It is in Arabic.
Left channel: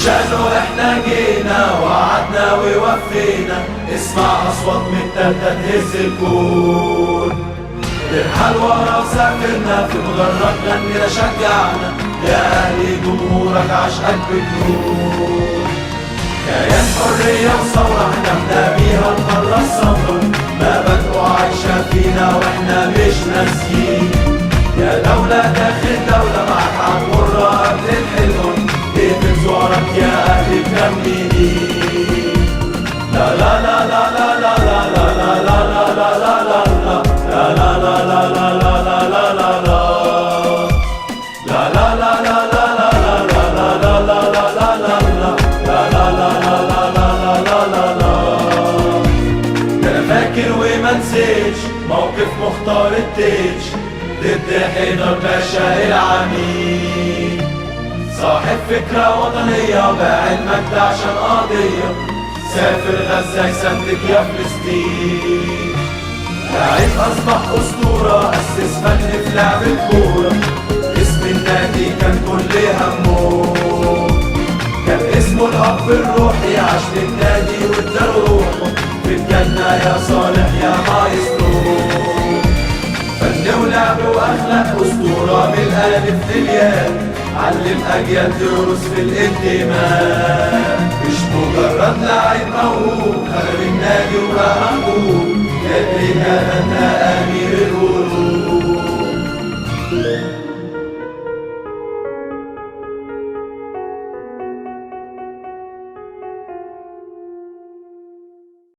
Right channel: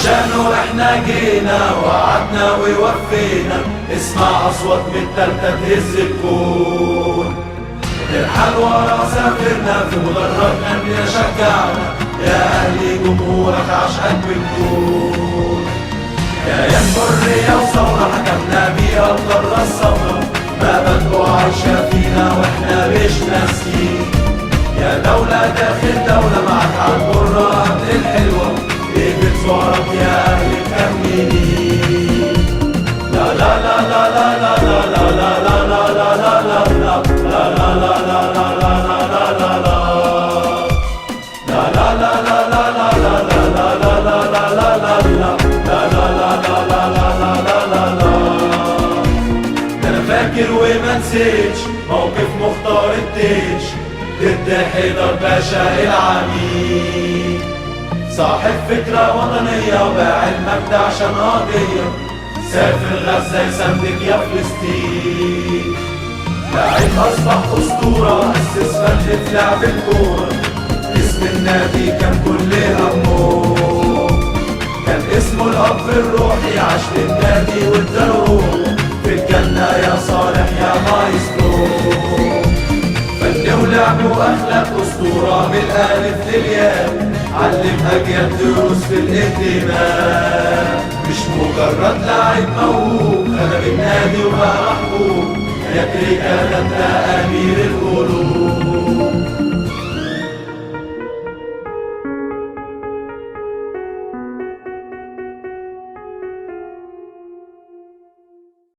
عشانه احنا جينا وعدنا ووفينا. اسمع اصوات متالتة تهز الكون، نرحل ورا سافرنا في مغرب غنينا شجعنا. يا اهلي جمهورك عشقك بجنون، كيان حرية وثورة حكمنا بيها القارة السمرا. مبادئه عايشة فينا واحنا مش ناسيين. يا دولة داخل دولة معاك عالمرة قبل الحلوة، ايه بتزورك يا اهلي مكملين. لا لا لا لا لا لا لا لا لا لا لا لا فاكر وما نسيتش موقف مختار التيج ضد حيدر باشا العميد. صاحب فكرة وطنية وباع المجد عشان قضية، سافر غزة يسندك يا فلسطين. لاعب أصبح أسطورة، أسس فن في لعب الكورة. اسم النادي كان كل همه، كان اسمه الأب الروحي. عاش للنادي والدروب في الجنة يا صالح يا مايسترو. فن ولعب وأخلاق أسطورة من الألف للياء، علم أجيال دروس في الانتماء. مش مجرد لاعب موهوب، خرج النادي وبقى محبوب. كان رجال